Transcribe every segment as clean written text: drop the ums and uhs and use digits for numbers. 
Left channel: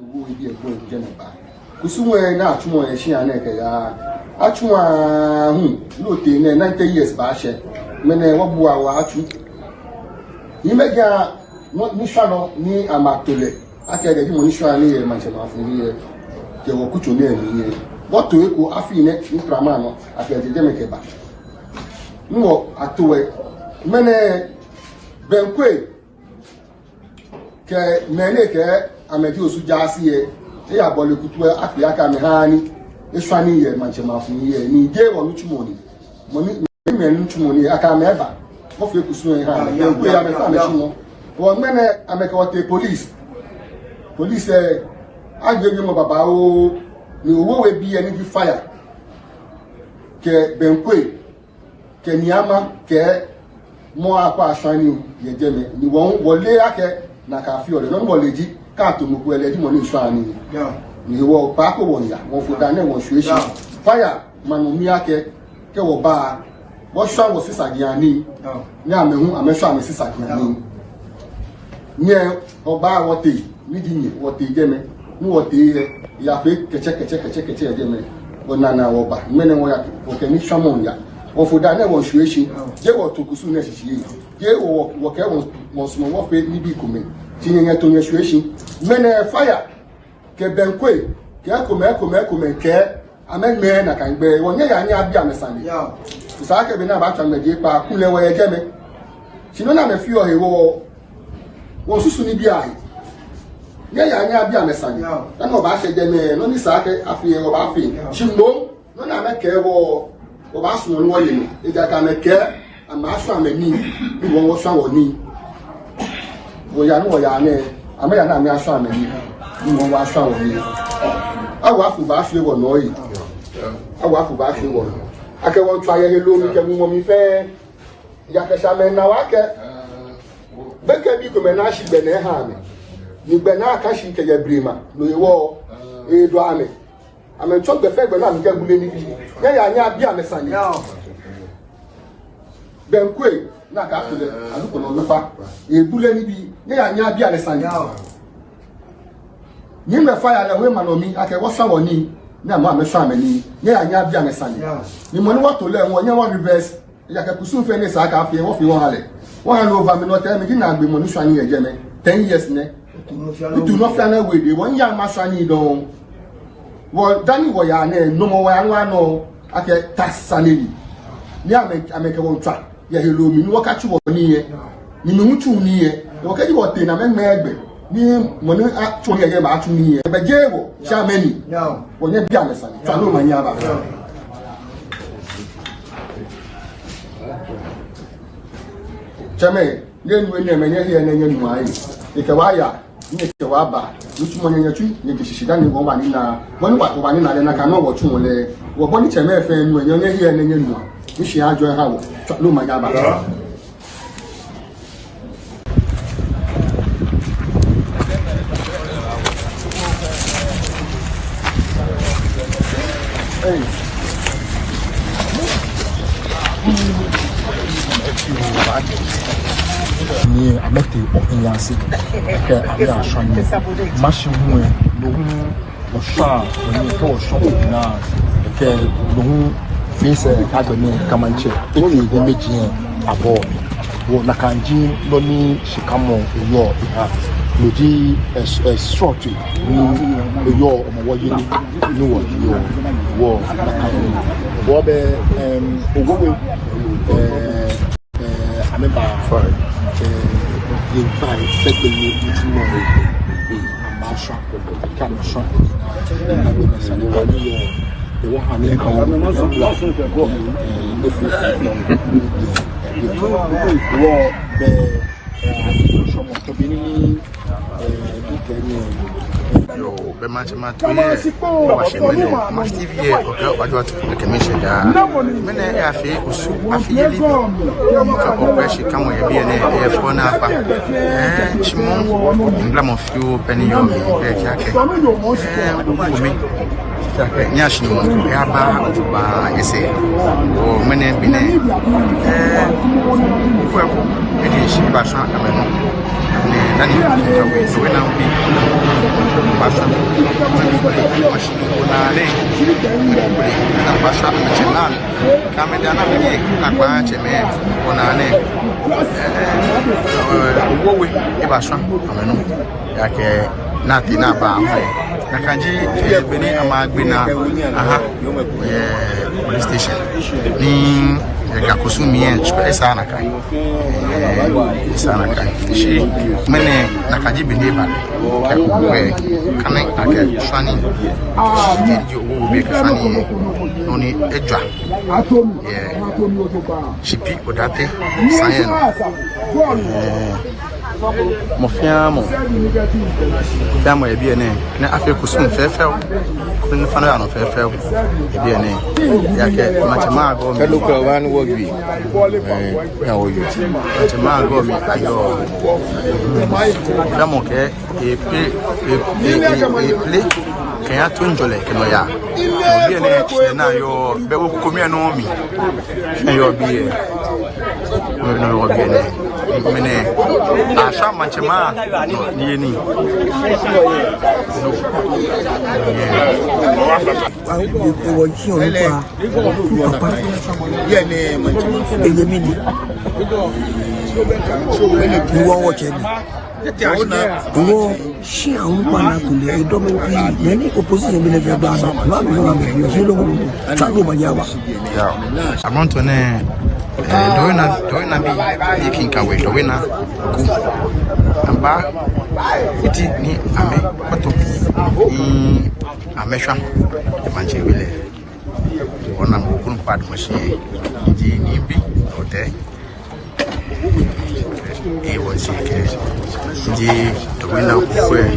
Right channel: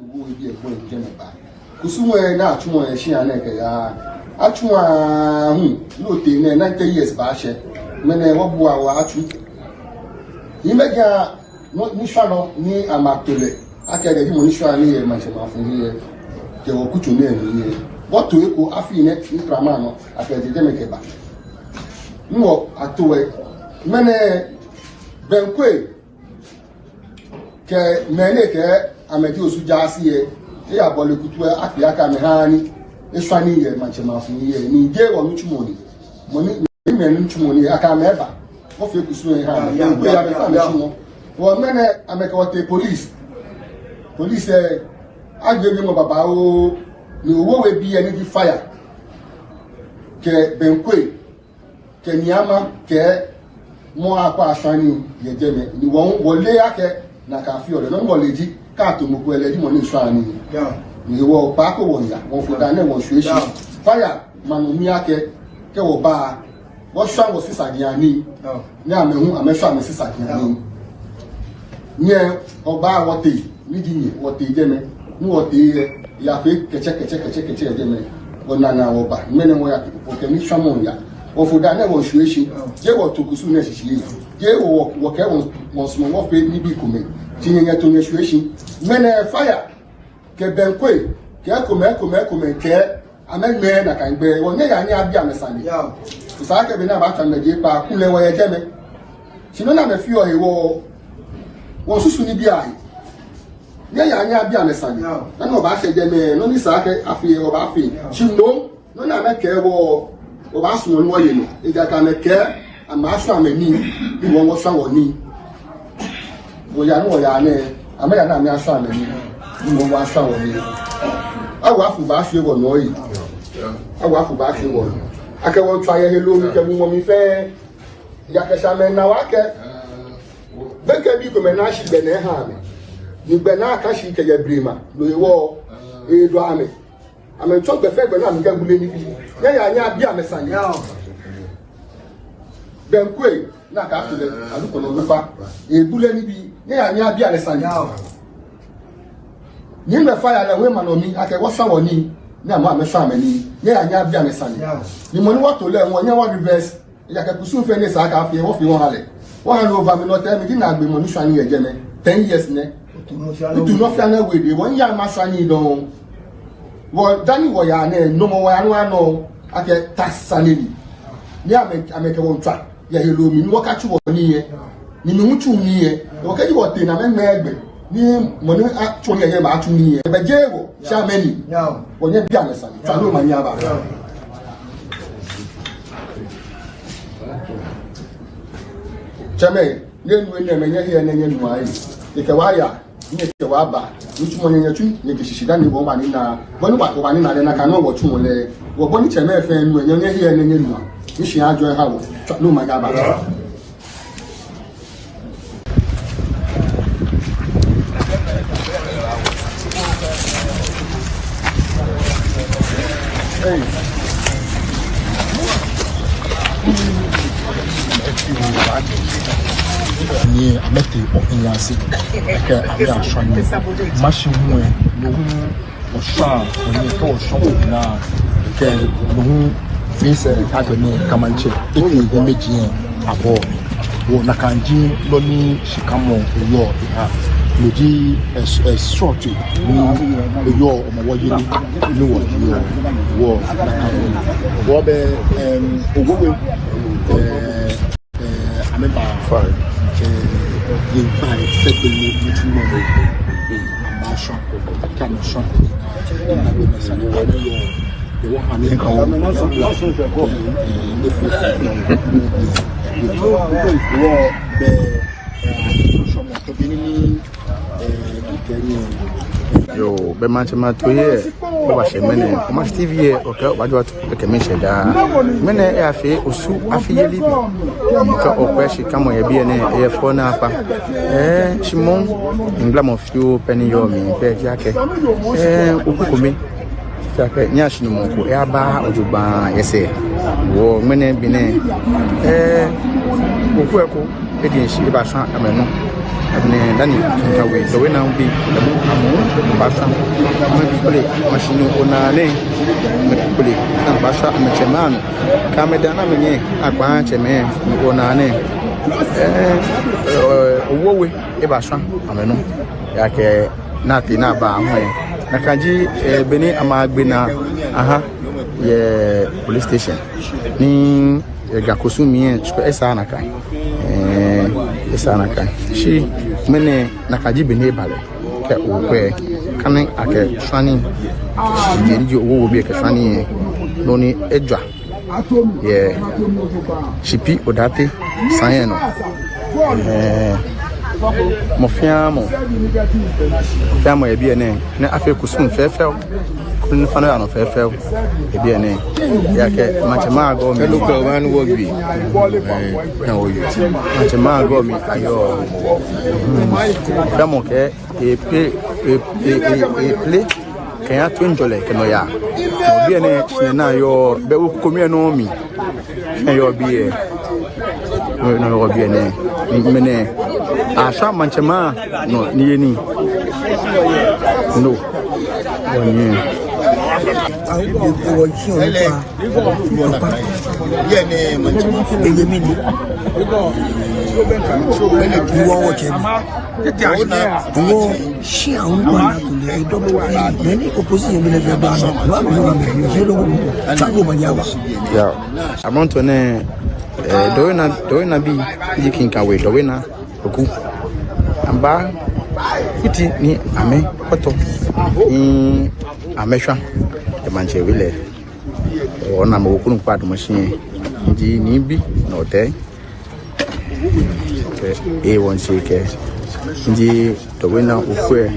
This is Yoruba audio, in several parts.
wo idi egbo Jeneba kusuwe na atumo e shi aneke ya atuma lote ne 90 years ba she mene wobu awa atu imeja ni shano ni amatole akede di mo ni shano ni e ma se ma fun ye je wo kutu ne ni woto eko afi ne ni prama no akede Jeneke ba nwo atowe mene benkwe ke nene ke ameti osuja si e ya bole kutu afi aka me hani eswani ye manchema fun ye ni je wo nutumoni moni me nutumoni aka me eba mo fe kusu e ha ya me fa me sumo wo mene ameka wote police agbe mo baba o ni owo we bi eni bi fire ke benkwe ke niama ke mo akwa asani ye jeme ni won wole ake na ka fi ore no moleji ka to mo ku eleji mo ni swani ni wo pa ko won ya won fo da na won sueshi fire manu mi ake ke wo ba wo swan wo sisagian ni amehu amesho ame sisagian ni nye ogba wote ni dinyi wote jeme ni wote ya fe keche jeme wonana wo ba mene wo ya o ke ni swamon ya won fo da na won sueshi je wo to kusu na shishi je wo ke won smo wo pe ni bi kume tinye to ne sueshi mene fire ke benkwe ke kome ke amegbe na kan gbe won ya ni abi amesami isa ke bi na ba tan meje pa kule wo ye jeme sino na me fi o hewo wo susu ni bi ai ya ni abi amesami na no ba se jeme no ni sa ke afi o ba fi chindo no na me ke wo o ba su no wo ye ni e ga ta me ke ama so ameni wo wo sa wo ni wo ya ne ama ya na me aso ameni mo wa sa wo ni awa fu ba fi wo no yi awa fu ba fi wo ake won try ye lo ni ke mo mi fe ya ke sa me na wa ke be ke bi ko me na shi be ne ha ni gbe na ka shi ke ye brima lo wo e do ame to be fe gbe na mi ke gule ni bi ya nya bi ame san ya den kwe na ka fi le aluko no lufa e gule ni bi ya nya bi ame san ya ni me fire le we manomi ake wo sawo ni ama amesho ameni ye anya bia mesani ni mo ni wo to le won ye wo reverse ya ke kusu fe ni sa ka fi wo fi won hale won han over me no tell me na gbe mo ni swani ye jeme 10 years ne tu no fa na we de won ya ma swani don wo dani wo ya na no mo wa anu ano ake tax salary ni ameke won twa ye helo mi ni wo ka chu wo ni ye ni mi hutu ni ye wo ka ji wo te na me egbe ni mo ni atun ye ma atun ni e be jewo sha meni onye bia mesani tanu manya ba chame yenu ene menye ye na yenu ayi ike wa ya ni ke wa ba nutu mo nyenye tu ni ke shishida ni bo ma ni na boni wa ni na le na ka no wo tu mo le wo boni chame fe enu enye ye na yenu ni shi ajo ha wo tanu manya ba ni amete okunwase ke abi afani mashimu no hu osha oni to osho na ke no hu face academy kamanche iko ngo meji abo wo na kanji lo ni shikamo eyo ya lodi short ni eyo omo ni wo be ogogo ameba fine you find second meeting no amasha kamasha yo be manche matoye baba shemene kuma TV e oka wajwa ke meseda mene e afi osu afi yeli ka opeshi kamo ye bi ne e fona apa shimon ngla mo fiu peni yo mi be jake ukumi jake nyashi no mo e aba ojuba yese wo mene bi ne okueko edi shi ba san ameno ne dani kinkawe so we now be basa play machine onane play na basa amechenan kamedana menye agba cheme onane owowe e basa ameno yake nati na ba ahoye na kanji beni amagbe na aha ye police station ni gakosu mien esa na kai shi mene na kaji beni bale ke okwe kamen ake fani ndi owo bi ke fani no ni edwa ye fipi odate sanye no mo fiamo e bi ene na afi kusum fefew kun fana ya no fefew e bi ene ya ke machema go mi ko wan wo bi ya wo yo machema go mi ayo damo ke e play ke ya tunjole ke no ya no bi ene na yo be wo komi eno mi yo bi e no yo bi ene mene asa manchema no ni ni no onye ye ne manchema ege mini so wele ki wo wo che wo shi àwọn pa to le do be ni opposition bi le gba no no no no ma ya ba ya amonto ne doina bi yikinkawe doina oku amba iti ni ame foto ni amehwa e manche wile ona mo kunu pad machine ndi ni bi no te e won sike ndi doina okwe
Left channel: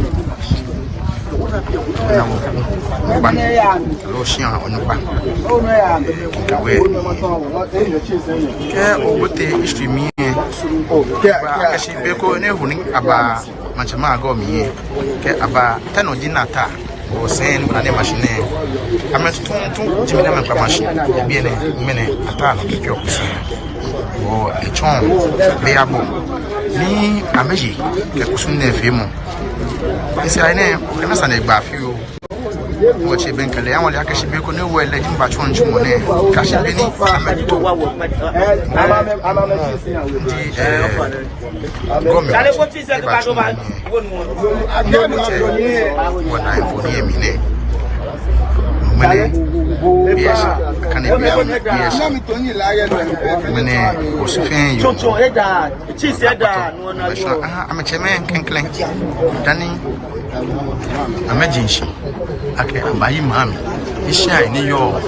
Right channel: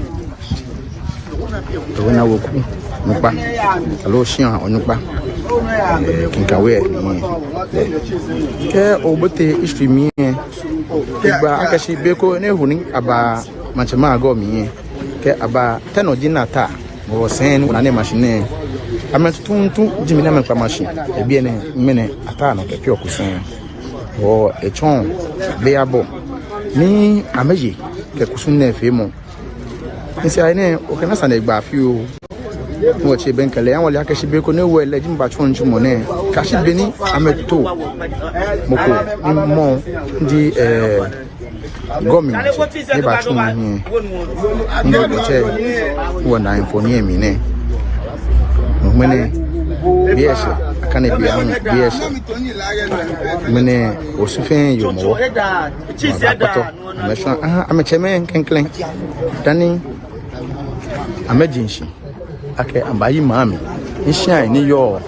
doina woku nupa alo shian onupa kinkawe ni ke obote istimi ba akashi beko ne huni aba manchema go mi ke aba tano dinata bo sen na ne machine amatuntu jimina me pa machine e bi ne mene ata no ke okusun bo echon be abo ni ameji ke kusun ne femo nsi ayne o kana sana gba fi o mo che ben kale awon le akashi beko ne wo ele jimba chon jumo ne kashi beni ameto moko ni mo di gomi ni ba chon ni ni ko che wo na infoni mi ne mene biese akane bia biese mene osufen yo mo apato amesha amecheme kenklen dani emergency ake ambayi mami isha ni yo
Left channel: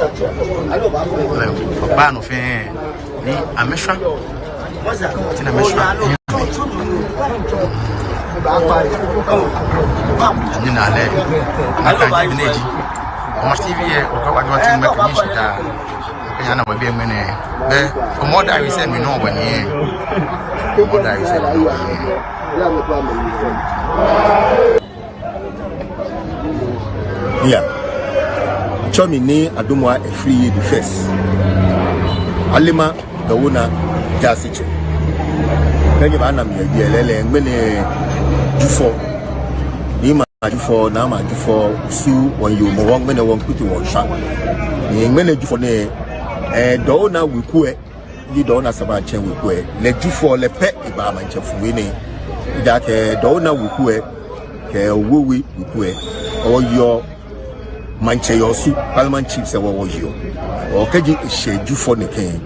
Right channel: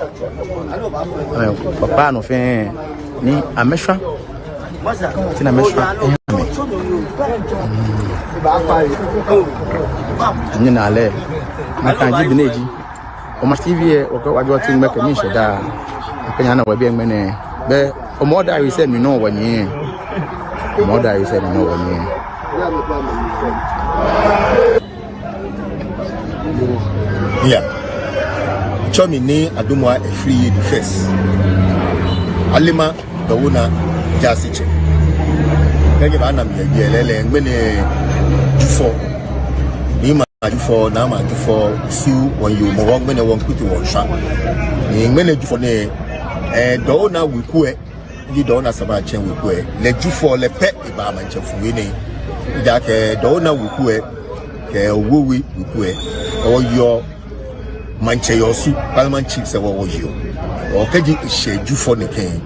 papa no fe ni amesha tina amesha ni na le akanji bineji o ma tv e o ka wadwa tin make mi sheda kanya na wabi emene be o moda wi se mi no wani moda wi se mi no wani yeah chomi ni adomwa a free the first alima dawuna jasiche kanye ba na mi yelele ngene dufo ni ma dufo na ma dufo su won yo mo won ngene won kuti won sa ni ngene dufo ne dawuna wikue ni dawuna saba chen wikue le dufo le pe iba ma nchefu ni that dawuna wikue wowi wikue o yo manche yosu parliament chief se wo yo o keji isheju for the pen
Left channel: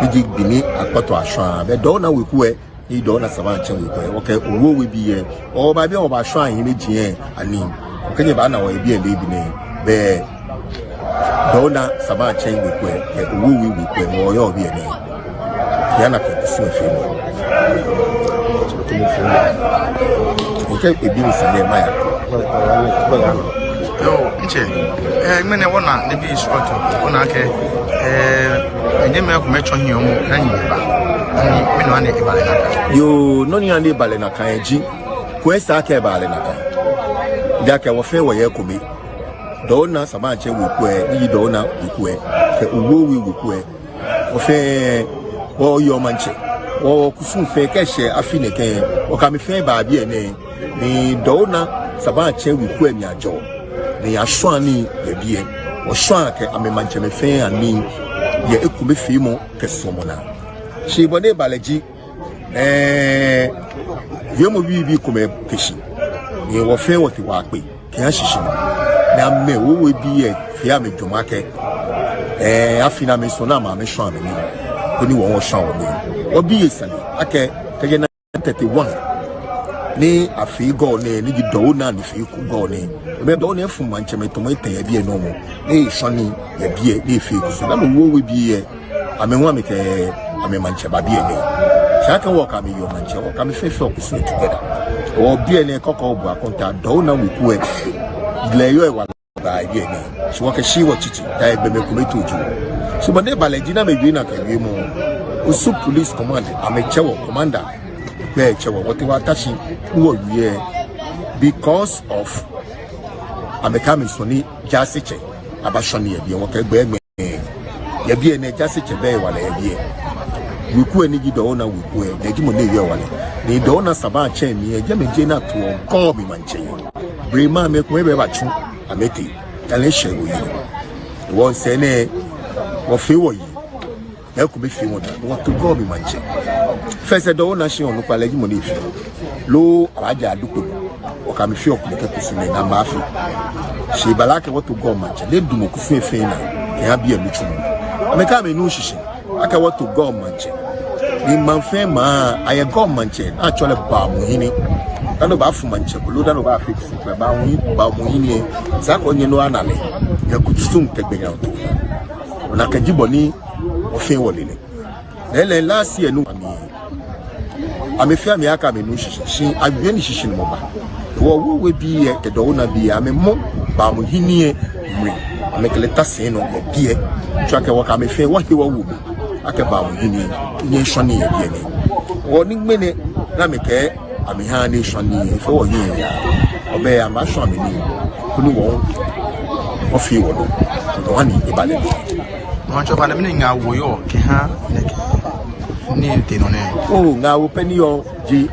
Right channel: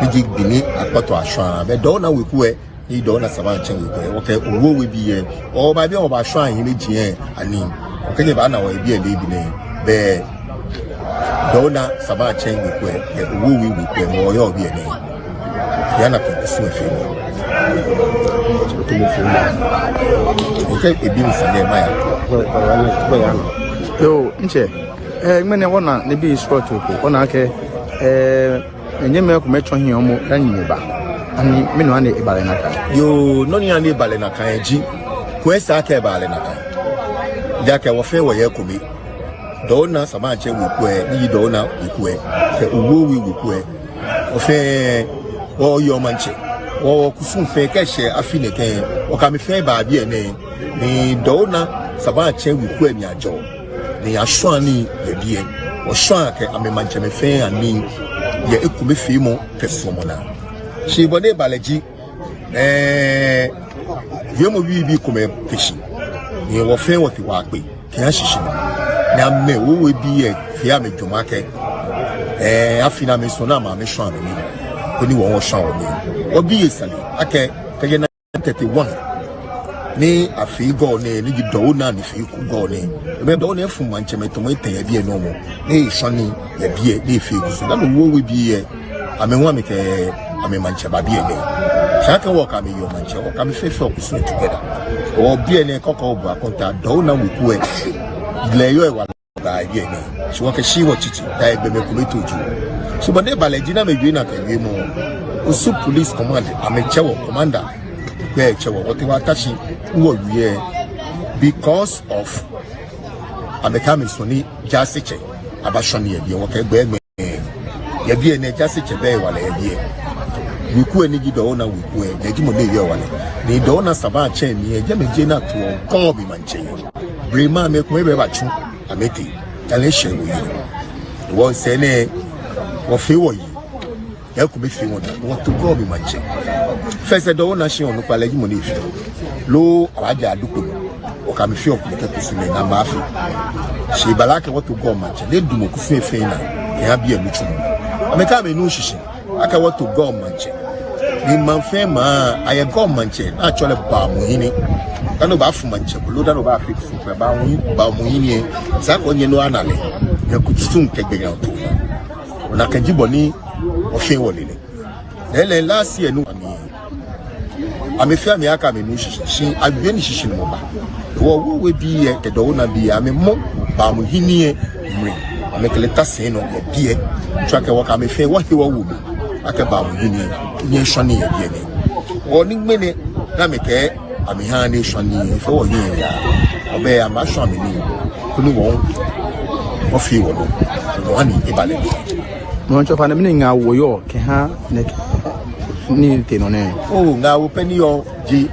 ni gbini apato asan be do na wekue ni do na saba chen wekue o ke owo we bi e o ba bi o ba asan yin meji e ani o keji ba na wo bi e le bi ne be do na saba chen wekue e owo we wekue mo yo bi e ne ya na ke so efi to mo so o ke e bi ni se ne ma ya yo nche mene wona ne bi sport ko ona ke enye me ko mecho hin omo danyi ba ani me no ane ibale naka yo no ni ane ibale naka eji ko esa ka ibale naka ja ke wo fe wo ye ko mi do na sama che wi ko e ni do na wi ko e ke uwo wi wi ko e wo fe o yo manche o kusun fe ke she afi ne ke o ka me fe ba bi ene ni do na saba che wi ku emi ajo ni aso ani ye bie o so ake amema nche me fe ani ye ekume fi mo ke so mo na shi bone balaji ye mo bi kuma keshi ni wo fe wo fi wa pe kan shishi na me wo we bi e fi ame dwoma ke afina me so na ma me so anu oni wo so oni obi yesale ake kege na 31 ni afi go ni do na ni fi ku go ni be do na fu manche me to me tan ya bi e no mo ni so ni ya bi e ni fi ku so na wo we bi e amenwa me ke ame manche ba bi e ni shaka wo ka me yo manche wo ka me fe so ku together o bi e ni kokko bu akonta do na we ku e ile yo e wa ba ye ni so wo ke shi wo chichi da e be me ku me toju so bande balaji na me bi na ke mo Osu police command amechewo commander be chewo what wa tashi wo wie because of amekami soni jasiche abashoni ye bi won ke gbe ye bi ene jasiche be wala ye bi wiku eni gido na wiku e neji mo le ye wala ni do na saba che ni e je meje na to kon bi manche brema me ko be ba chu ameki ele shewo yi won se ne wo fe wo yi ya ku be fi won to go bi manche fese do na shi onu pale gi mo ni fi lo alaja aduko o ka mi fi okun ke kusi ni na ma fi shi balake what to go manche le du mo ku fi fe na ya bi emi chu ameka me nu shishi aka what to go manche ni man fe ma aye go manche na chole ba mo yini dano ba fu manche lo dano ba fi ku ba mo yini sa ko nye no anale ya ku tsun ke gbe ya to ona ka jibo ni o fe woni le last year no ami fi ami aka me no shishi agbe ni shishi mo ba wo we bi e do na bi ami mo ba mo yini e ami kele tase no e bi e twake wo ka me fe wo hi wo wo aka ba mo yini ni so ni e bi ni wo ni gbe ni na me ke ami ha ni so ni e fe wo yini ya obe ya ma so mi ni oni wo fi wo no wani ibale no cho pa na me nga wo yo ke ha ni te no ne oh na wo peni yo ji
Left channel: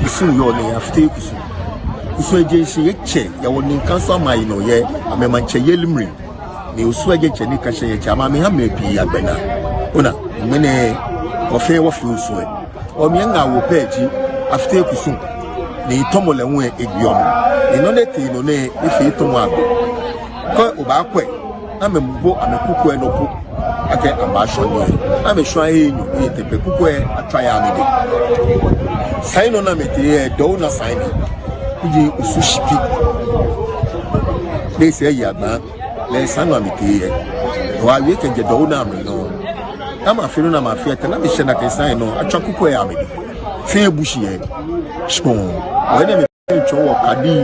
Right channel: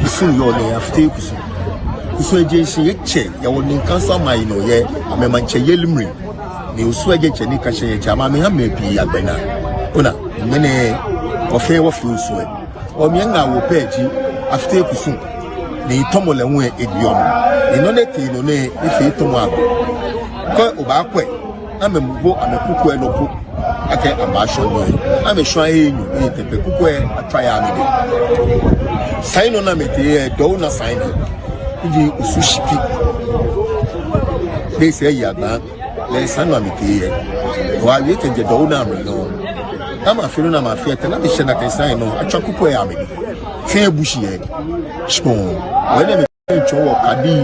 kusu yo ni after kusu je shi yeche ya woni kan so mai no ye amema che yelimri ni usu je che ni ka she cha ma me ha me bi agbena ona mene ofe wo fi usu e o mi nga wo peji after kusu ni tomole hu e biomo ni no le te no ne ife to mo abo ko o ba kwe na me mbo amekuku e loku ake abasho ni na me shwa e ni tepe kuku e ataya ni saino na me te do na saino di sushiki le se ya ba le sanu me te wa wi te do na me no kama filo na mafia te na me shena te saino atwa kuku e ame se ebushi e so wele me cho wo kadi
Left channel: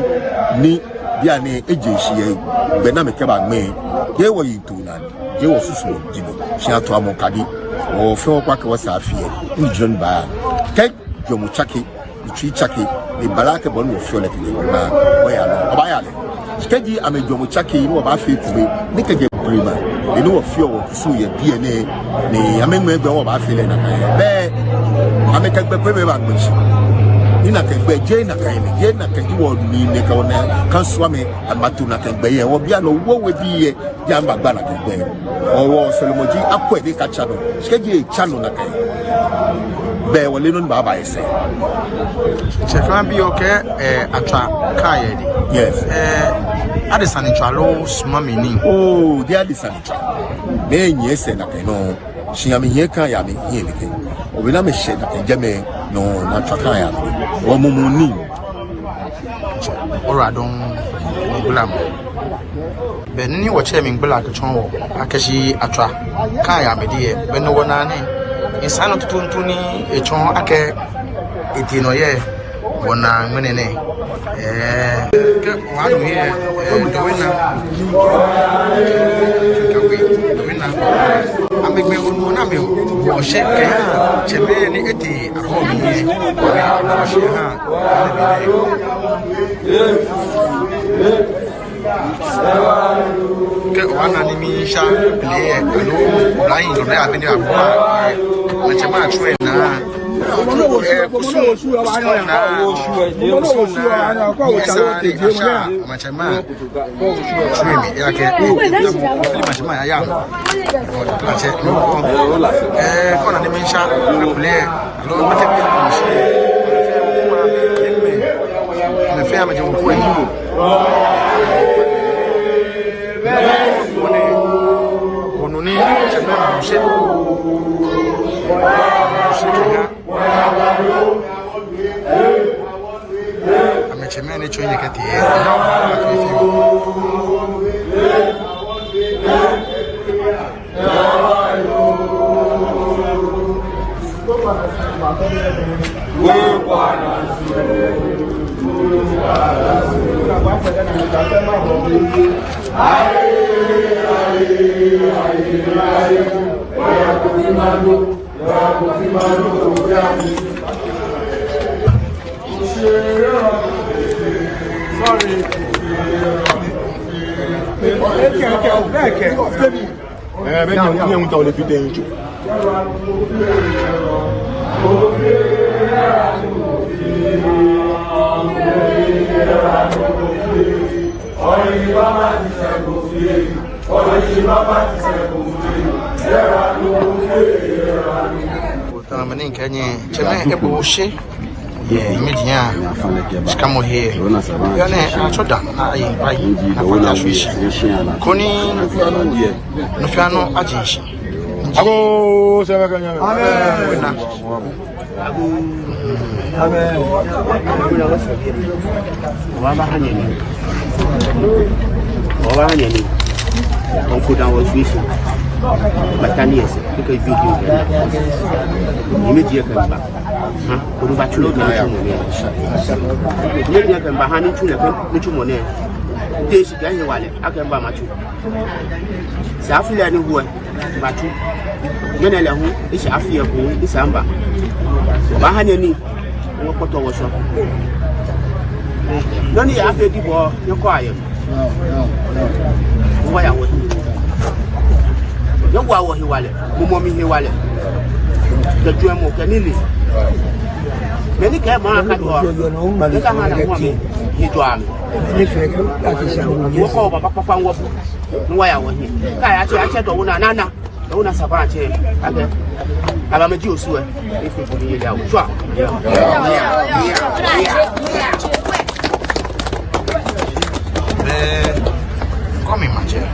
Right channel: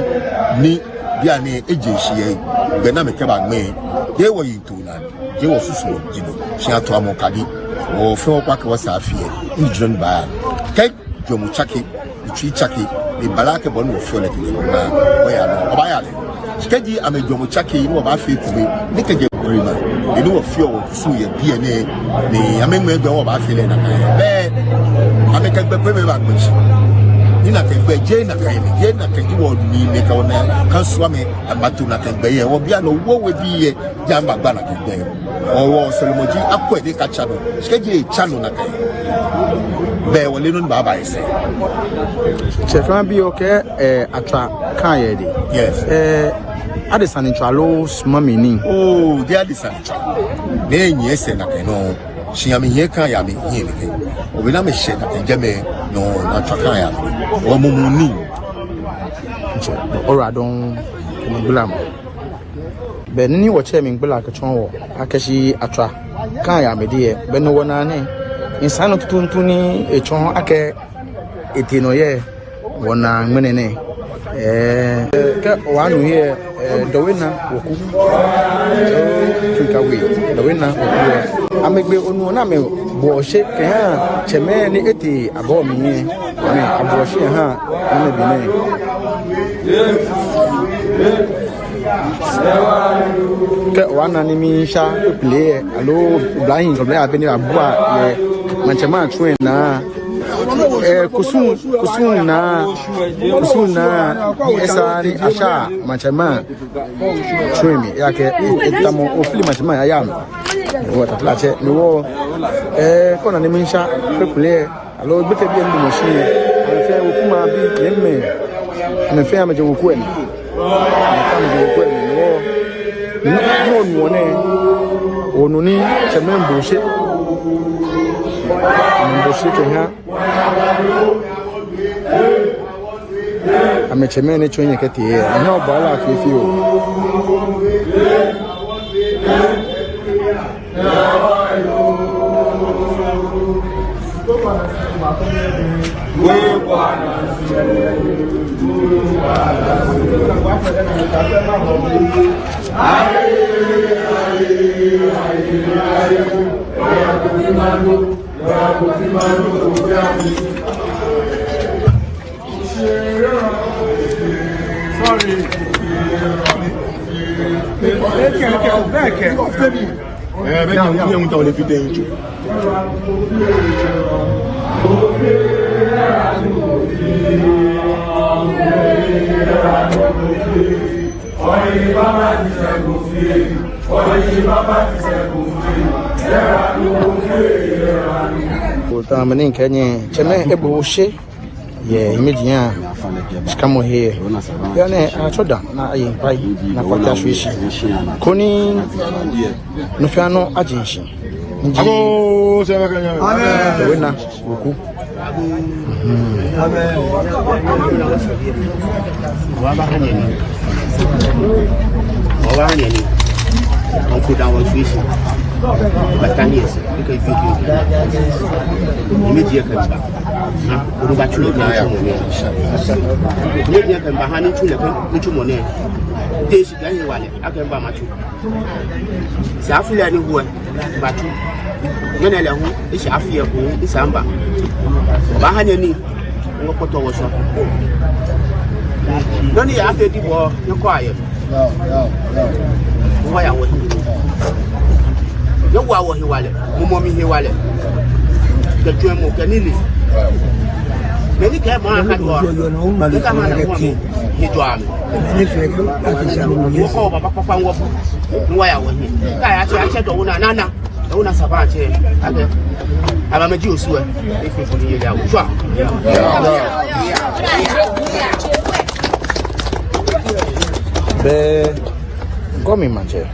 ni bia ne ejeshi e gbe na me ke ba me ye wo yitu na ye wo susu wo gidi shi ato amokadi wo fe wo kwa ke wo sa afie injun ba ke jomu chaki ti chaki ni balake bon wo fe le ki na wo ya no ba ya le skeji ame jomu chaki ni wo ba fe ku ni ke je brima ni wo fe wo susu ye bia ne ni ame me gbe wo ba fe le na be ame ke gbe pe me ba gbe ina ke gbe je na ke wo ni ne ka wona kan so me amatu na ke gbe ye wo bia no wo we bi ye ja gbagba na ke gbe owo solomoji akwa de ka chano skeji e chano na ke be wo le no ba ba ese se fan bi o ke atra kan ye de yes adesan ntwalo sma me ni oh de adesan de nye ese na ke no shiami ye kan ya me ye ni obi na me she na ke jeme no na taka ya o mo mo ni ora don bulam be ni wo che me gbala ka chon wo akashi atra kan ya me de be no wona ne insano tutuntu ni e chon ake etino ye wona ngene ne ke wanu ye do wina chikawe do wina amegbe onu na me bo she kan cheme ni eti abo mi ni me abo she ha na bi ne ke wana ni mi sha play alo blind do na abeni abo ye manchama train na kusum na esa ni asha manchama train yake itamo ofili manchama ayam wo ta plache no kona ni minsha pepule alo bete bi ndi moshi afe okuma bi yemme me fe amaje woku e no ni semembo she Mboshike amechemene chonye kati yeye na bala kifio Mani Kenya, Cheme Eboshe, yeah, Imagine, Scamo here. Yane, I told them, I Napata Fish, Koni, Nufano Agency. Oh, winner. Battalions, because immediate can back. Uruba Chulu, immediate can Bahani Chula, Money. This is very well. I can buy my two. Safia, no one, but when I love is Afia, who is Amba. Bahani, what photo was up. None after people, you're quiet. Why I was. No wa he wale mo mi he wale ke tu mo ke ni me ni ke mo aka to ni ka ma na mo mi ni to am ni ko papa wo ni wa ya wo ni ka ya che to una nana una saba che ade aba meji osu e fi ko ni ye da wo so be komi mache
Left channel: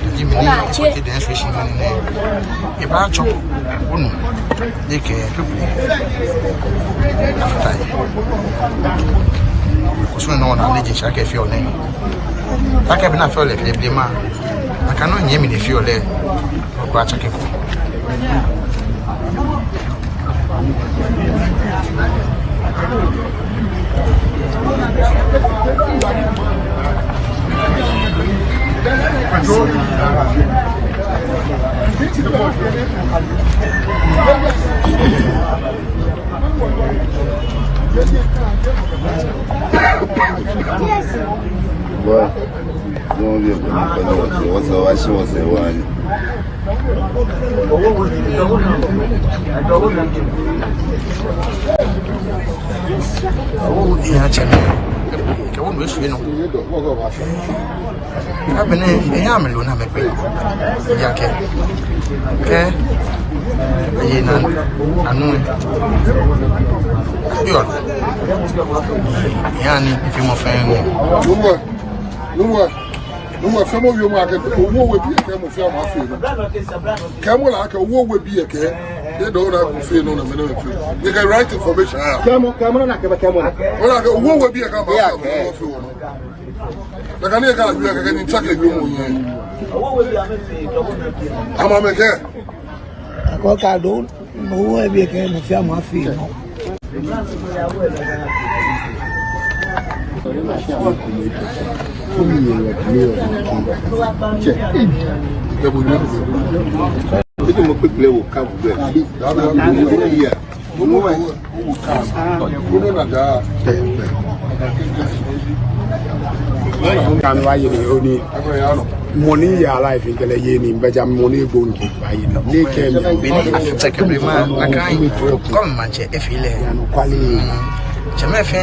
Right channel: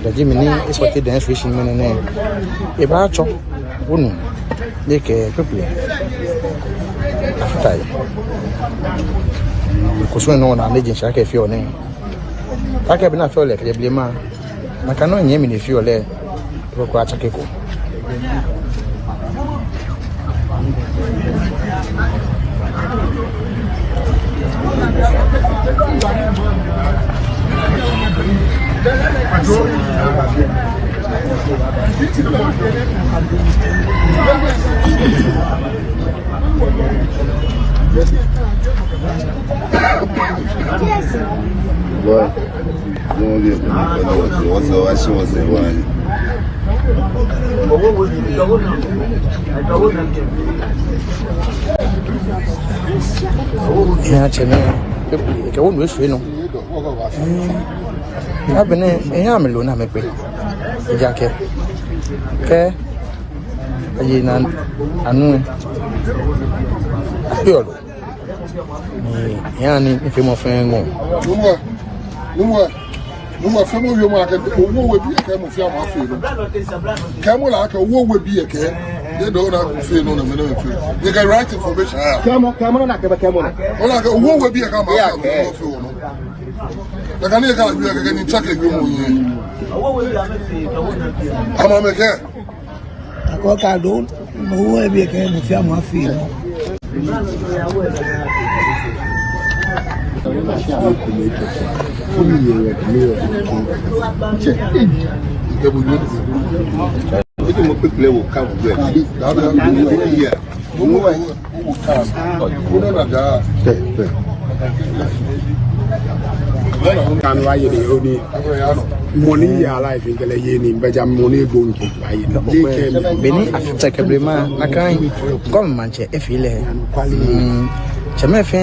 jadi mini seperti dengan fishing mana ni, iba cok, bunu, ni ke people, apa khususnya orang ada jenis saya feel ni, tak benar feel le, dia beli mah, makanya ni mini feel le, aku acak aku. Well, no, ya ceme ke wonu esu no ya bene eya melo na mepe ya ke ayi na anu yo ya ni ife mo fe ngo Nwa famo yo ma ke owo we bi ke mo fi ama fi no ke mo la ke owo we bi ke they don't have to feel no no me fi they get right information kamo na ke ba kamo na ola ke owo we bi ke ma fi no na kan ye ka bi ke ni take bi mo yin ama me ke ko ka do mo we bi ke mo fi ama fi no Itu mau quick level kamu deh. Iya. Mau ada. kan wa ye de oni money ya life ngele ye ni beja money go nki ayi ni ke bini after kebrema akan kom manche efile cheme fe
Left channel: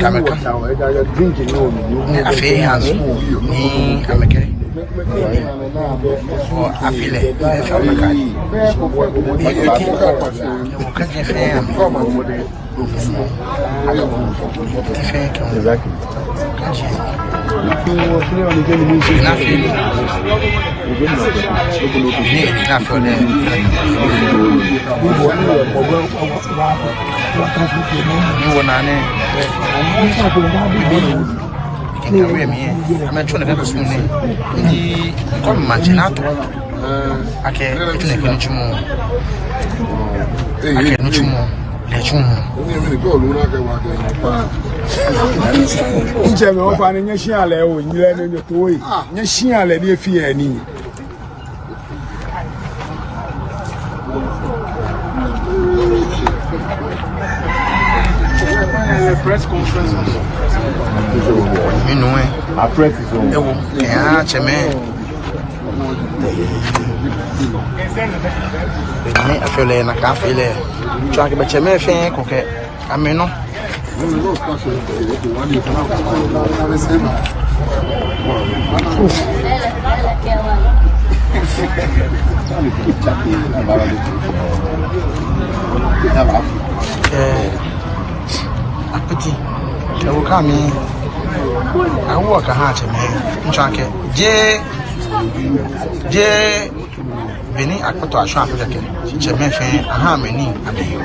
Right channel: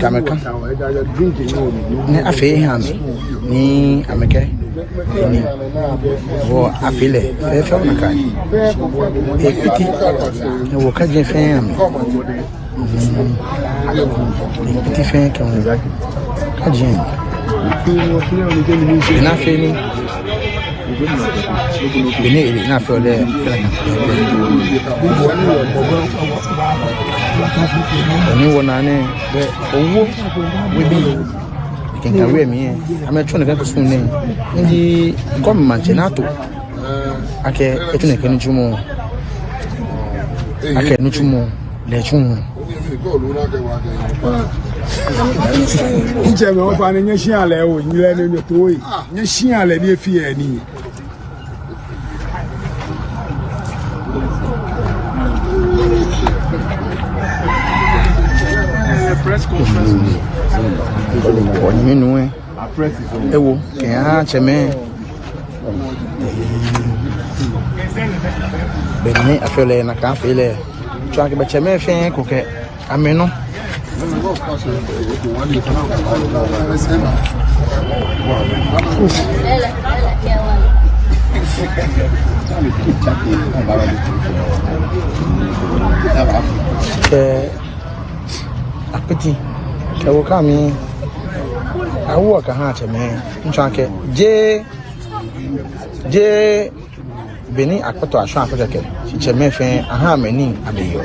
kameka ni afi hanzo ni ameke ni wo afile e fa makai e kuti wo kaje fe am ti fe kan kaje na fini bini na fole ni wona ne we bi kinga we mi ame chone ka sunne ndi kom manchenato ake etune kini chumo ake no chumo le chumo ije me o fa ne nyeshi ale o nyire ne ne to yi nyeshi ale ni efi e ni press conference minue ewo kya cheme beni afele na ka fele twa ke cheme fe ko ke ameno apeti ewo kami awu ka ha cheme nchake je beni akpato aso afeka ke cheme fe aha mani abeyo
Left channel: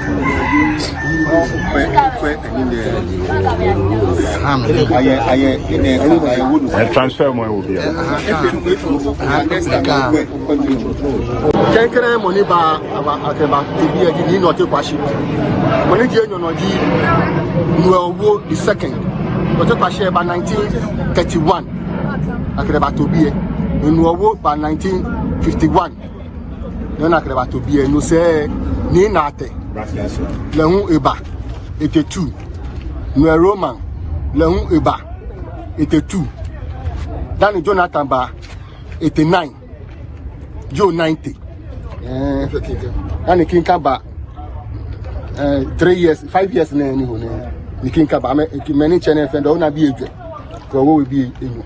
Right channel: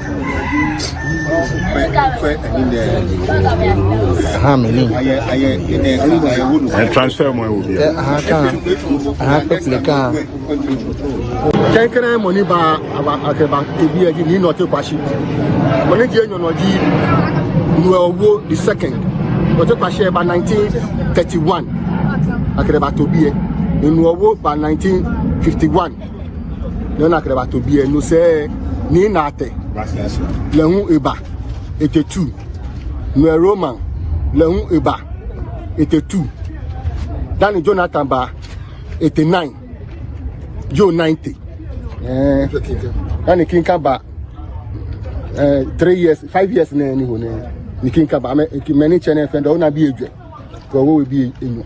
aha mani transfer mo wo bi aha ka kenkere money ba akeba ebi egi ni no te kwashi money die nyono ji nuowo the second no te kwashi ba 1931 akeba to bi nuowo ba 1951 no akeba to bi no se ni na ate lehun eba etetu no roman lehun eba etetu dan Jonathan ba 89 Joe 90 and King Kaba 3 years 5 years na ni hone ni King Kaba many channel friend o na bi eje ko wo bi enu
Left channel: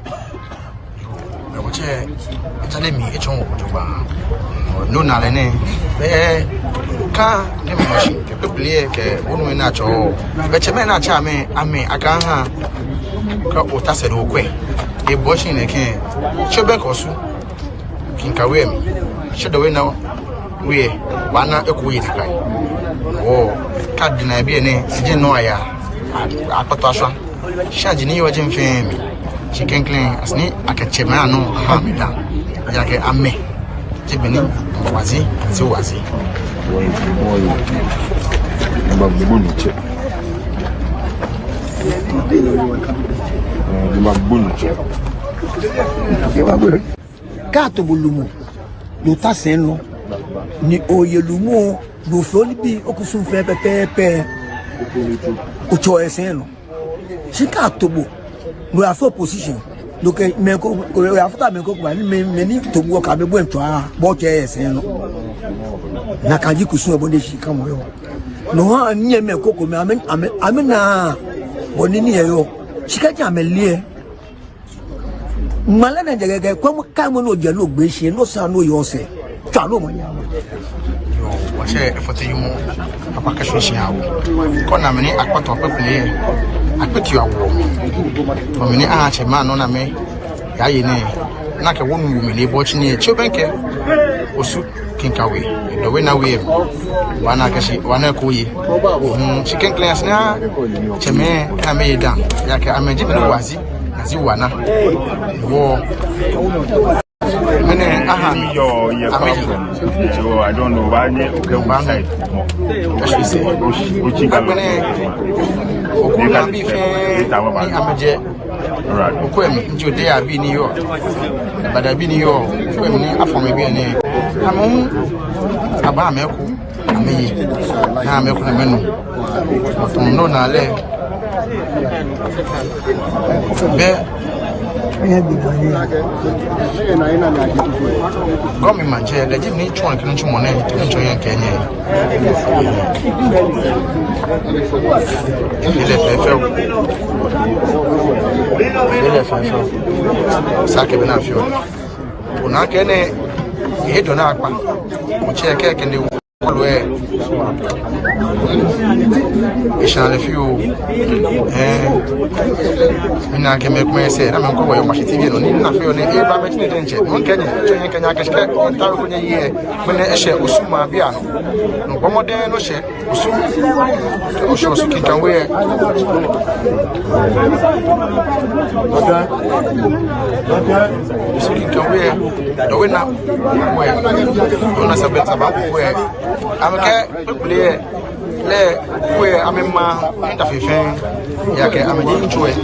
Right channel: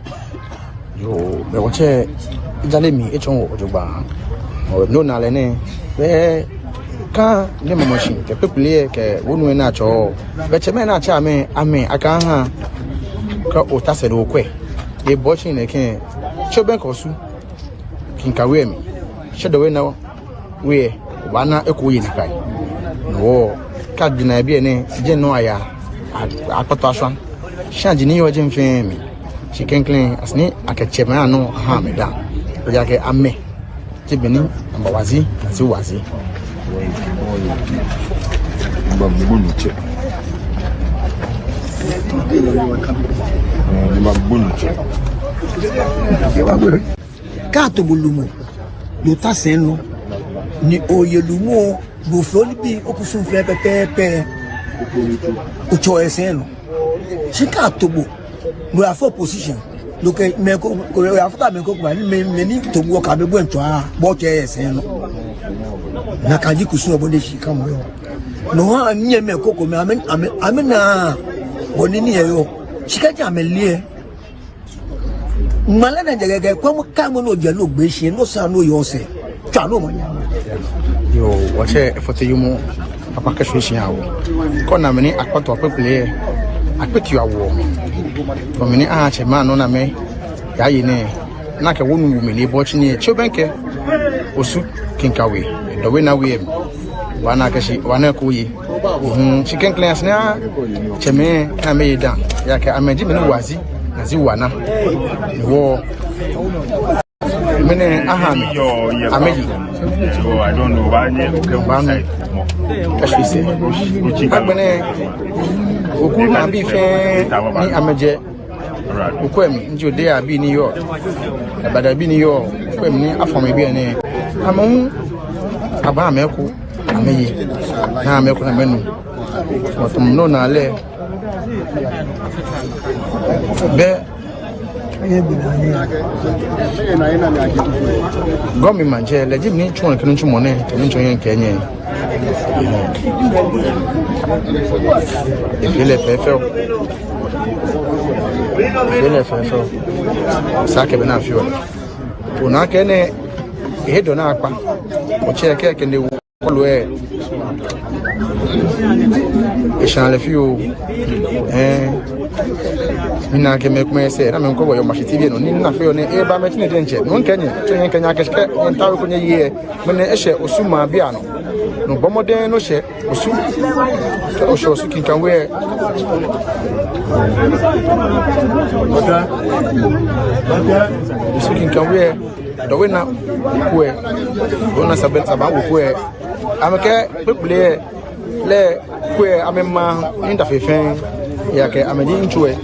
yo me woche jale mi echon ojogba no na le ne be ka ne moshi ke people ke wonu na cho be cheme na cha me ame aka ha ka o ta se do kwe e bo shin ne ken chobe ko su King Kawe mi shedo we na we wana ekuyi na kai wo card na bi ene je no aya apato aso shaji ni yo je mfe mi chicken clean asni akachema no ha me da ya ke amme ti beni wazi ti wazi Mbabuniche Kato bulumu yo ta seno ni oyelumo do floni bi okusun fe pepe o cho eseno shika tobo we are for position look me ko after me ko me ni tobo ka be bo ento a bo che eseno na kaji kusun obonde shika mo yo no ha nye me ko me amena boni ni yo shika ja me lie malana jagege kwa kamo no dia no gbe se no sa no yo se ta no mo ya yo wache efote yumu papa kashin shi awo ko na meni akpato apepele akpeti awo ko meni a che ma no na me ya yi ne na ka wonu me le bo chi ne chobenke osu King Kawe do we na we wana kashi wana ko yi chicken class na cheme na me da ya ka ameji me wazi nazi wana wo mene aha mi yo ameji so I don't know why okay kashi se ochi ba mene oku na bi fe ni ameje okwem njo de abi ni yo abada bi ni yo okwem ni afome bi ene amu aba meku ami na meku na menu no na le be Romi Manje, the Jim Nichon and Convention Monet, Convention and Kenya. If you left Sake Benafio. Unakene, Hedonakpa, which I can do. Ishale few ina ke me say na me ko boyo machiti bi no ni na fe o ni e ba me tini denche no Kenya to yen Kenya ke ntaru ko nye me na ehye osuma bia no bomoden no hye osu kinkan we osu kinkan we do we na we ona sabeta ba ko we ameke people le kwe amema interfefe yake amenyi nchwe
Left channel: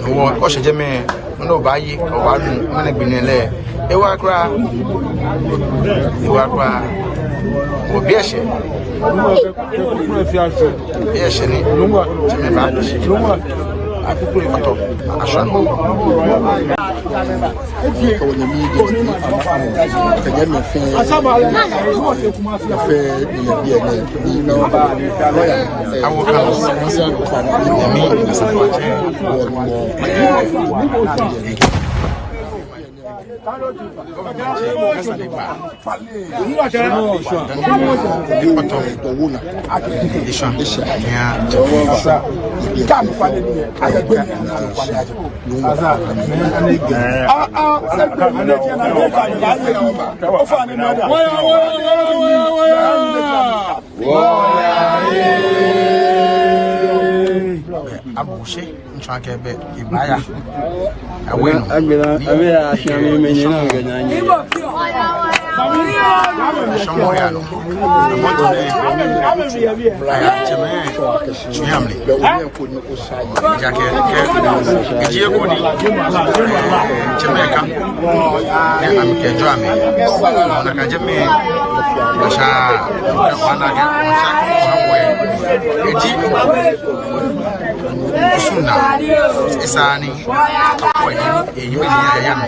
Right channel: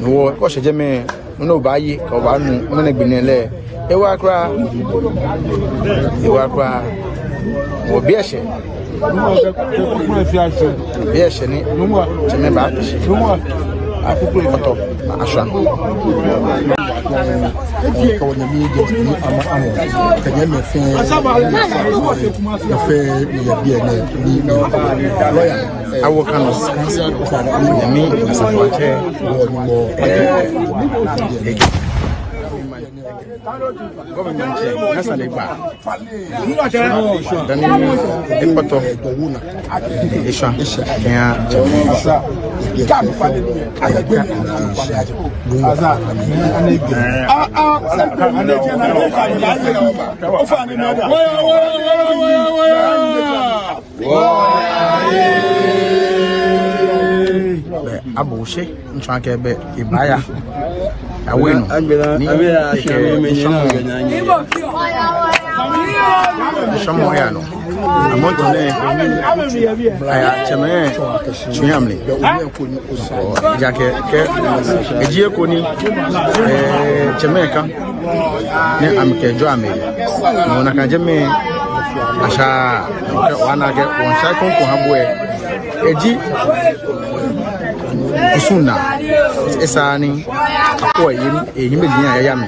no o seje me no bayi ka wa nu mena gbinele ewa kra obieshe ni teme ba akukú ikoto asha awokano mi asafache nasa de gba de poto isha ya abushe nchake be ibaya aweno somo ya no amoto ne aya cheme chiamle yake ke ejie ko ni chemeka ne amke jo ame na ka jeme asha wana ge woncha ko habwe eji usuna esani akọ eyin meji ya ya me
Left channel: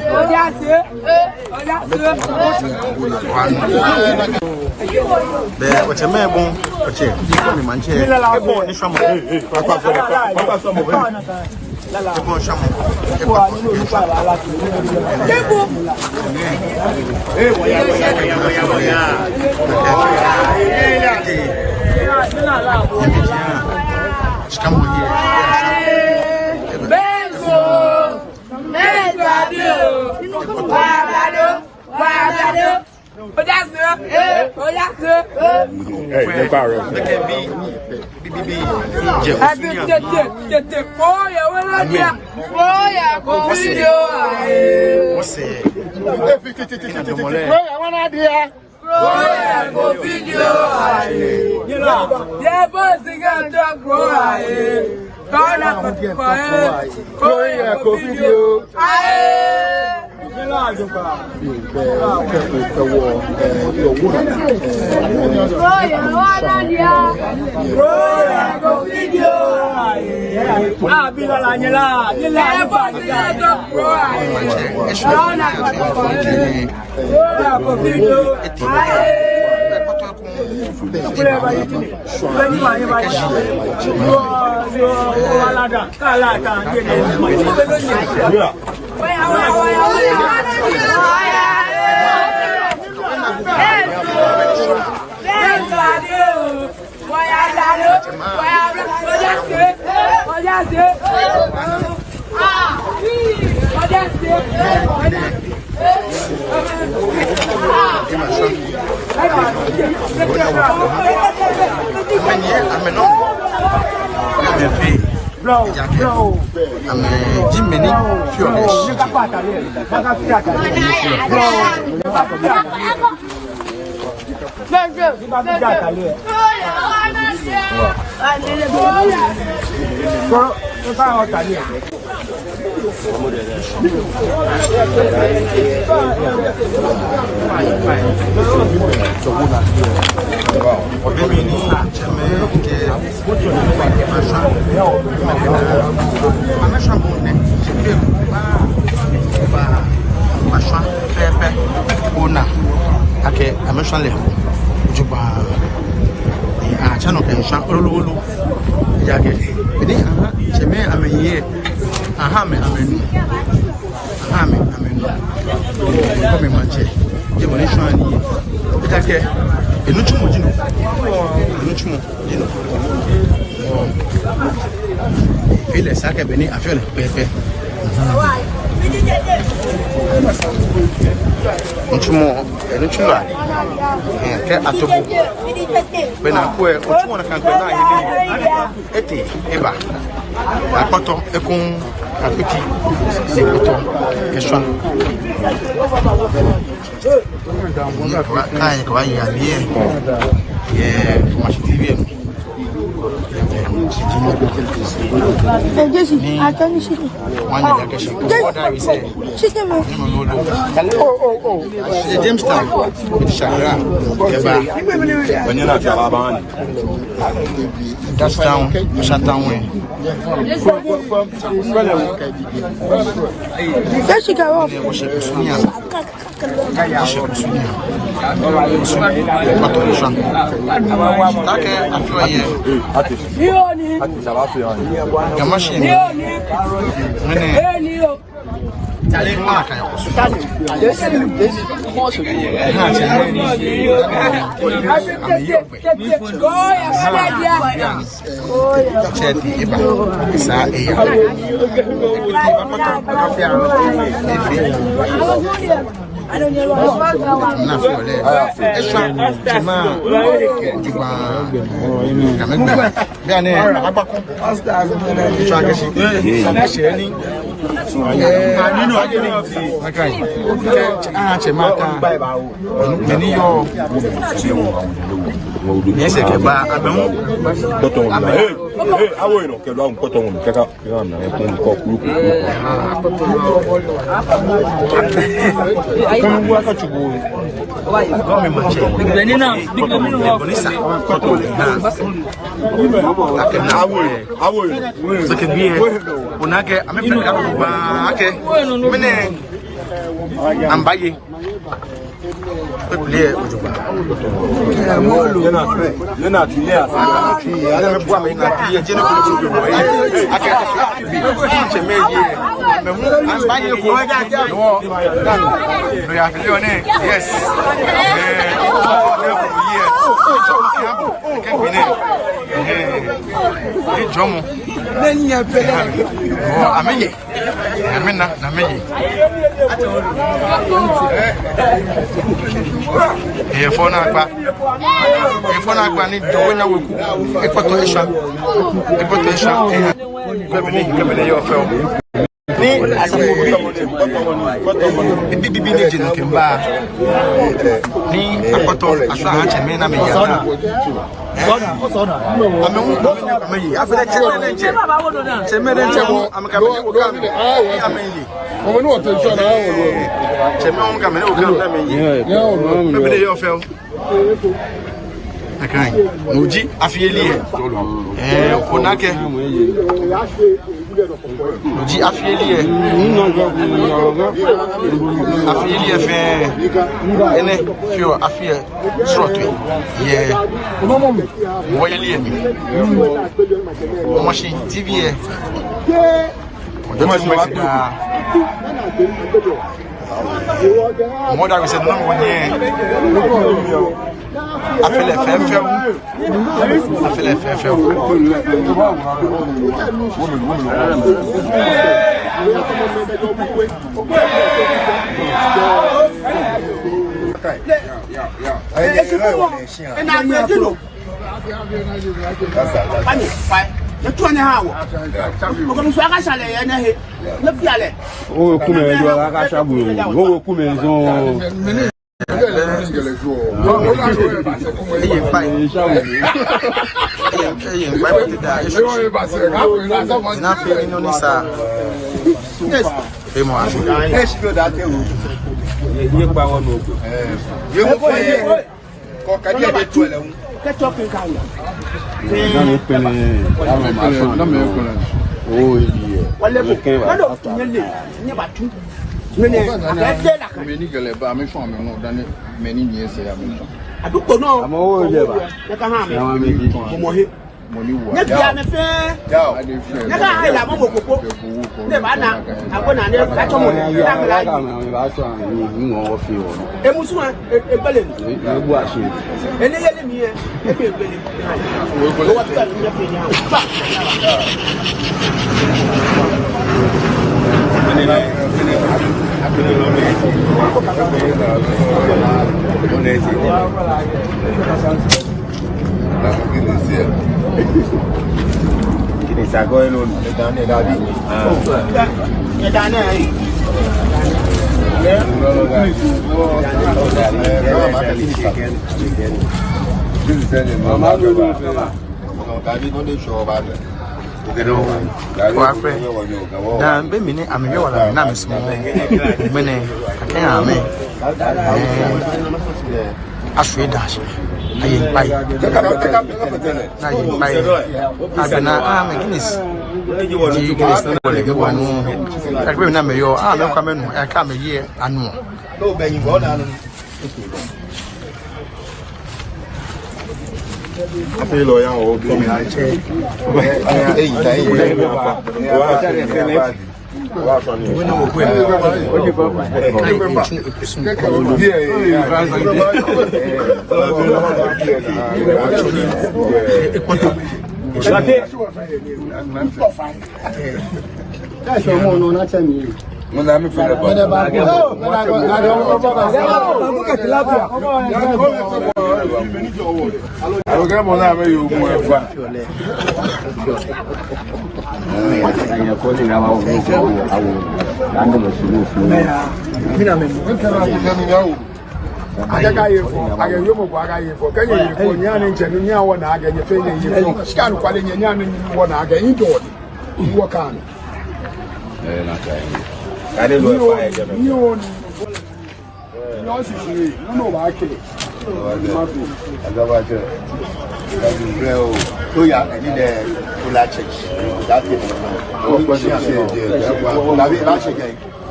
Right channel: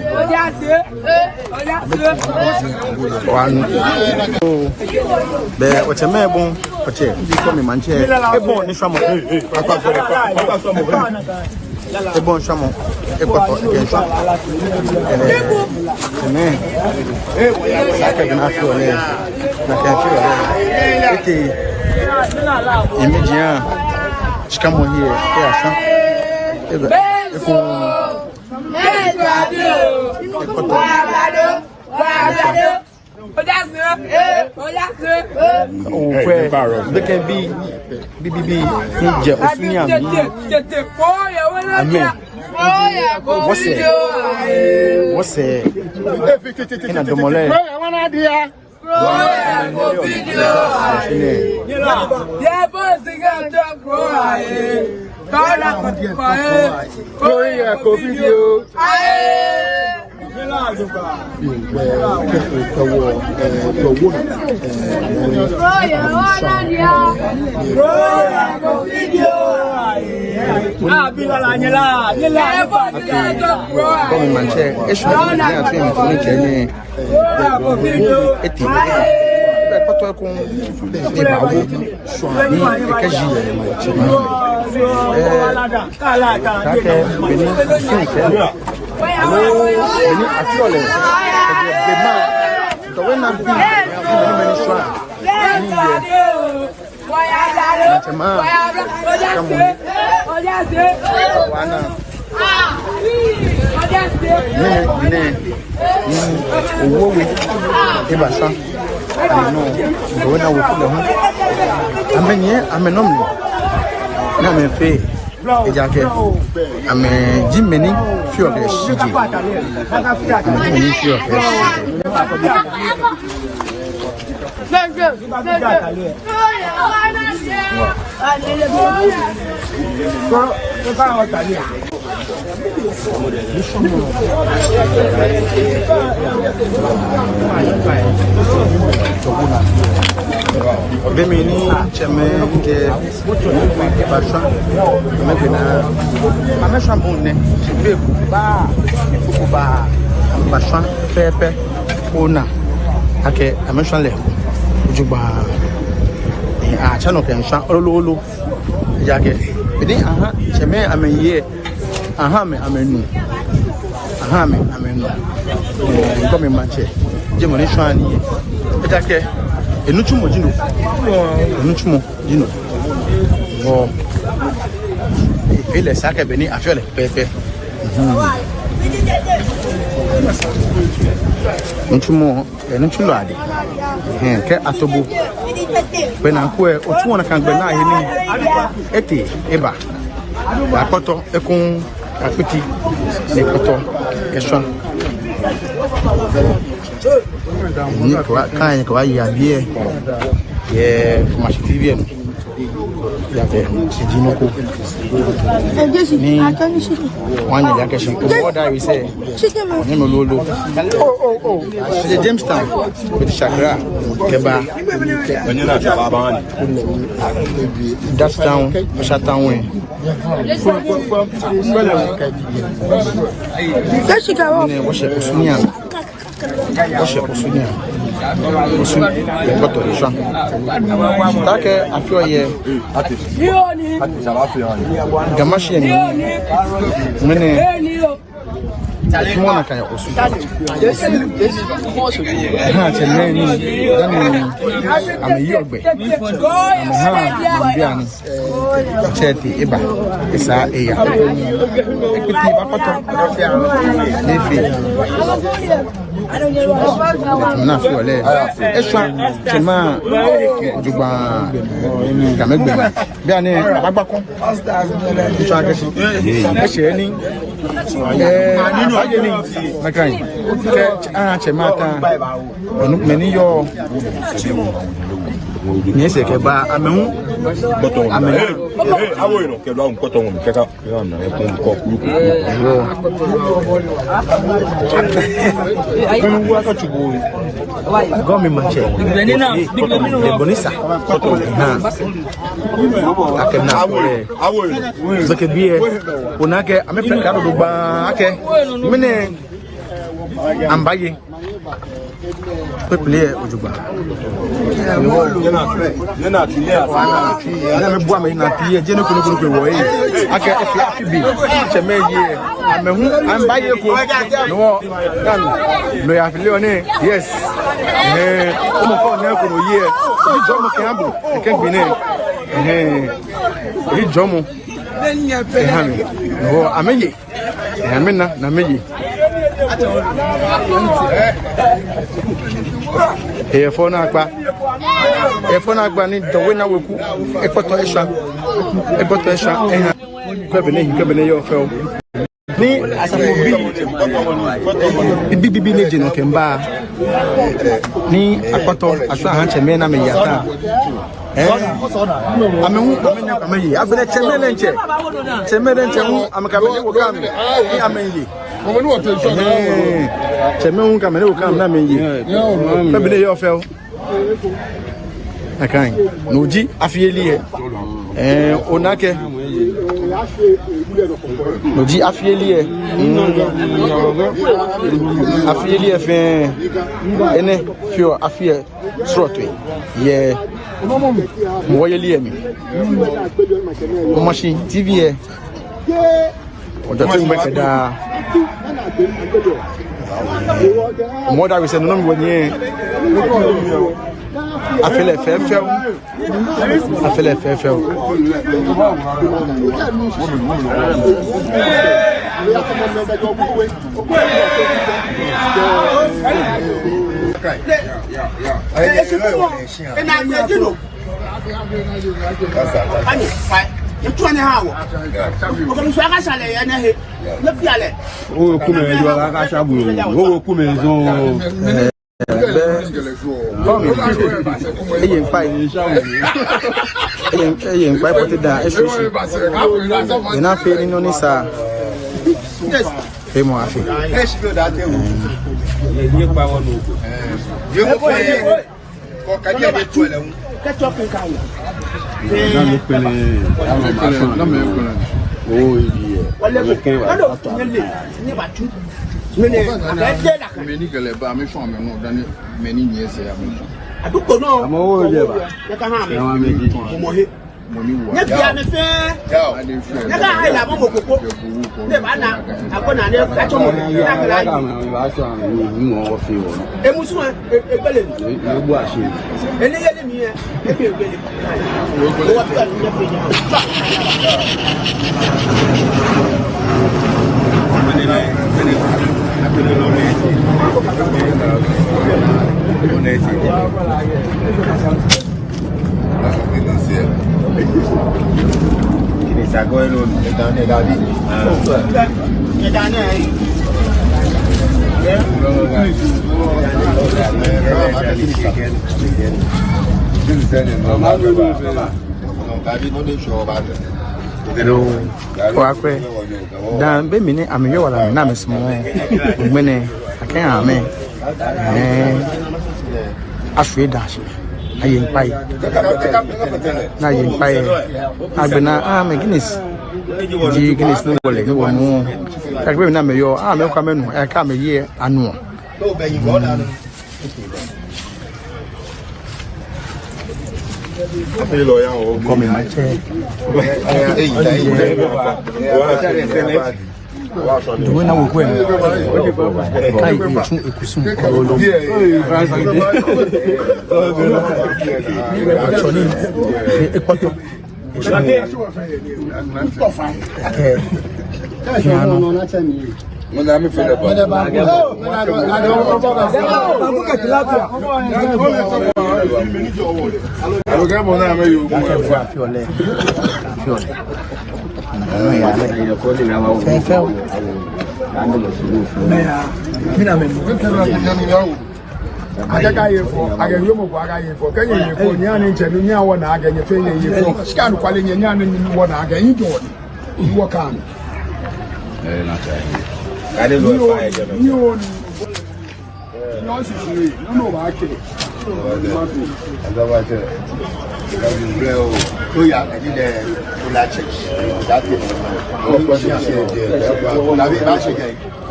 be wacha mebon wacha bi ko mi manche ebo ni samo ebo samo ebo to Come on here. They can be what's in a domole? Yeah, boys, they got to grow. Demi cheme de passa me vena amesha bunne be ba passa pepe una ake amesha le juba chano ke sha olulu yake bidi cheme amenye me amenu ko me manche je mo ne shani itake enuchumo jino oh ifile sake beni afiole pepe enuchumo ali ke atobu bena ko otuona kan gbe na yini ete eba apoto ekun apeti ekoto eso ni kwa ya bie ye masitivie yake sitimoko wani yake siku boda ise ni mololo je Jamestown Shakra keba onina chaba that's down shutdown when Take afio ye ati salafio ya machine mene mwana kaya kusu ha cheleni amiyogbe seti eba isa eya ekuti apato afia nifi na fole esa tema digba damegbe bi ani agbakun so agesi ese ni nínú ageni makai tema kan meni yo ni ese ke ba amemu boto awo ino ke lo an boto won kaka yo na o ton ko kuru kono wa ko tubo gomi manche ni bonisa na akena awo zake biye kunake amefika ndo ba ake mene ambaye peple ojuba yana tiye afana yana bua me na tiye jeni ko ko wo yi ake bi chemeji mehu ambaye ko no ya video ne yes mo ko ne ko ye do mo kiambo ken bine ni jomo amenye amena na meyi efona agba ni dowe na weku epoto esha kebele yo fe ni bibi ni jinu kemba ni apoto asa han cheme na me yata amehu ameyi afele cheme nche amekabele wokam ni ameyi cheme un kamele wokam na meyi kebele yo fe akan noji afieli onake noji afieli fe ene fio afie srotwe ye moyeli mi o machine tv o da moda we se no mo nye afele fefeu Tuane hawo. Okomiswa akashale yana he. Lepiale. O kumezo akashabu. O kumezo. Eye pai. yen by put it down esi ina fe no ni sa fe mo afi Kwakwe da be mini ameye wala na mesmo mene akan ame afwe dash ayen pai na yen pai agbena ame Guinness di Guinness no wole ni wonu akbe na meyo ame kwa menu e ka meye anu Apelo ya o mi na che. Mwana mi fele ba. Alo ga mona me yo mo efa. Aga yo mo kwa aga yefo kenye yefo ni ana ncheri ni awo na aga yefo ni yefo scan kwale ni ana ni wo na aga yin do wo kan na cha ani lo fa e je ni o ni o si se no ba ke aga ba ke to ya ni de to la check that o ko si se la bi la check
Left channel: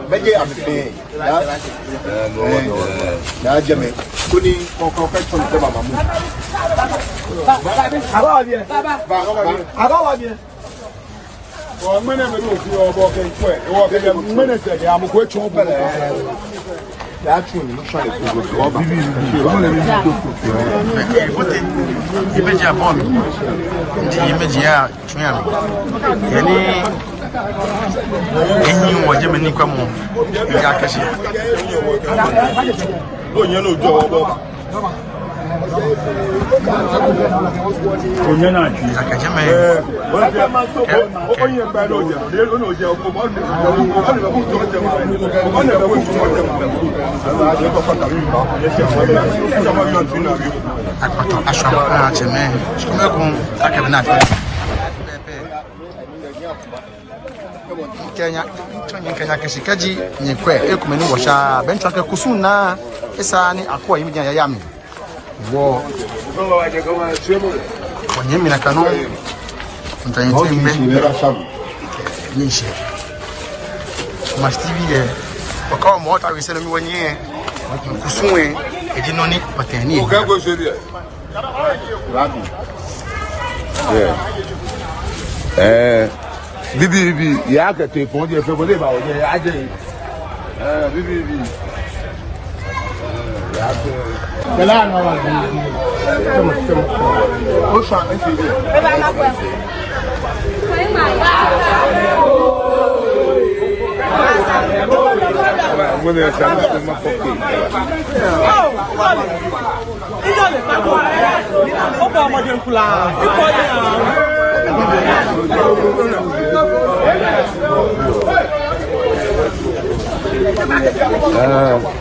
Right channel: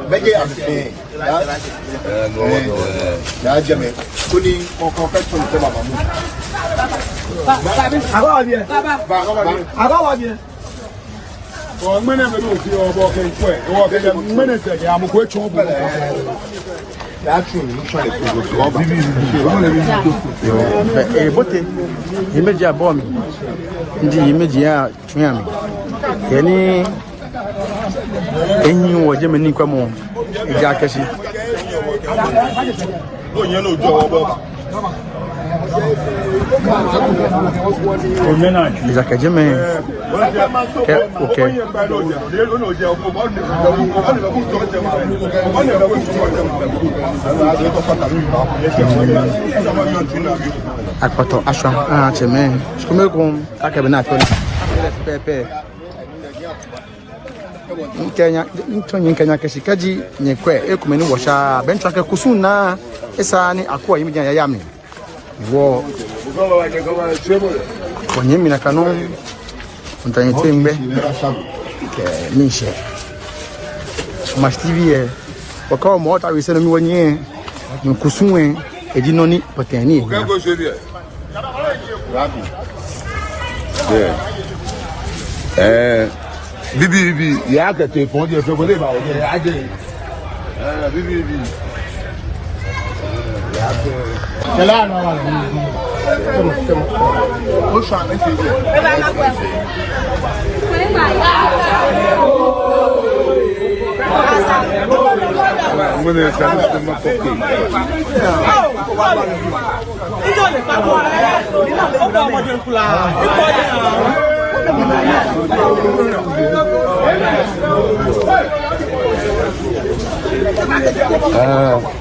beje afi ya jeme kuni ko question ko baba mu aba bien o mene me lo fi obo ke ko e o ke mene se ke amu ko chu bele ya chu ni so le ko so ba bote imeji abo mi ndi imeji ya tun ami yani enyi wo je me ni kwa mo ga kesi o yen no jo obo o nyana ni ga je me o yen ba lo je le no je o mo ni o jo je ma o ni ba wo mo je ma a je ko pata mi ba akpato aswa cheme skumekun akabe na afọ pepe Kenya kesikaji nyekwe ekumeni washa bencho ake kusuna esa ni akwa yimi ya yami wo wanyemi na kanu ntanyete mbe mishe mastivi wakawa mwota wisena mi wanye kusumwe edinoni pateni Bibi ya ke te fon je fe bo le ba o je aje bibi ya ke kala no wa bibi o sha en ti mo ne sa na ko ko ke ijo le pa ko o ba mo je nkula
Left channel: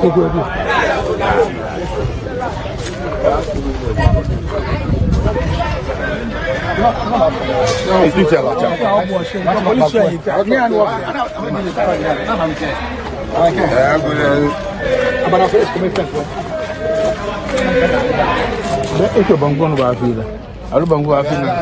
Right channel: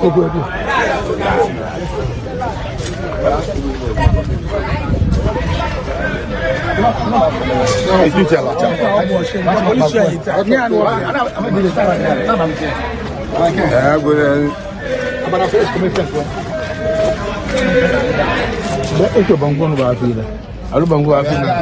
ipo je Ito bangko no ba fila? Ano bangko ba fila?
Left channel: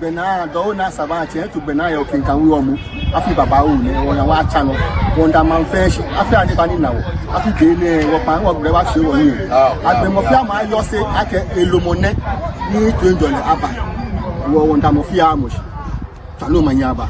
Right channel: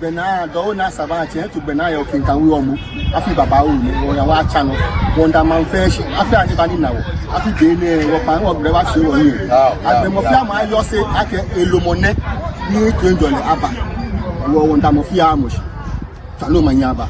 Bena do na savati to bena yo kin kan wi omu afi baba o ni o ya wa cha no wonder man fish afi ani bani na wo afi de ni wo pa wo gbe wa se wo ni agbe mo fi ama yo se ake elomone ni 20 aba wo wonder mo fi amu ta lo ma nya ba